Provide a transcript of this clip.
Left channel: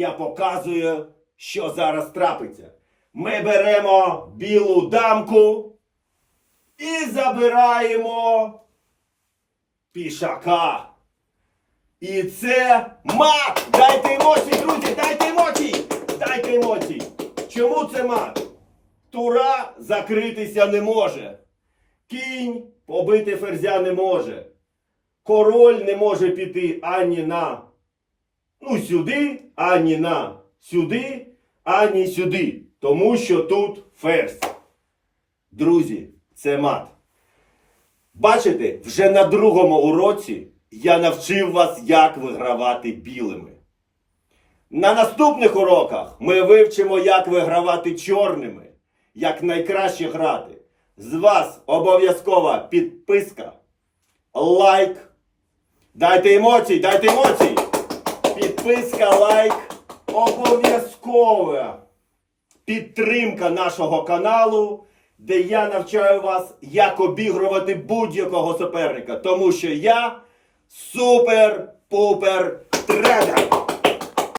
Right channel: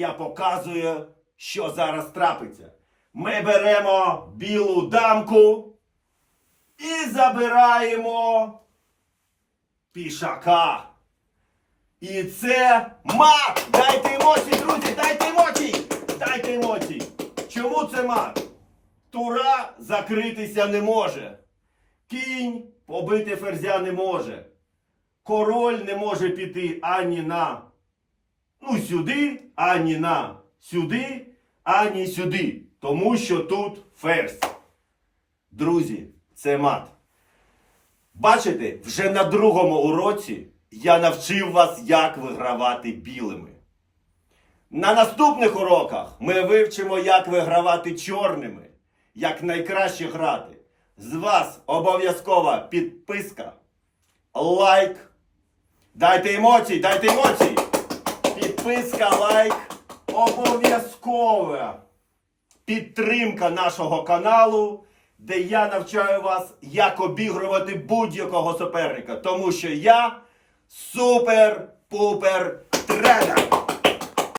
Я показую, що зараз трапиться. Ми беремо білу дамку і забираємо пішака. І це мат! Дайте емоції, друзі, дайте емоції! Дайте емоції! Чому це мат? Тура закритися не може. Кінь побити ферзя не може. Король не може піти ані на ну, сюди, ані на сюди, ані сюди. Тому що тут ферзь. Друзі, це мат. Бачите, вже на другому уроці я навчив вас, як вигравати білими. На наступних уроках ми вивчимо, як вигравати чорними, як найкраще грати. З вас обов'язкова підписка, лайк. Дайте емоції, дайте емоції. Підписка, лайк, обов'язкова підтримка нашого каналу, де я навчаю вас, як обігрувати будь-якого суперника. Тому що я супер-пупер тренер.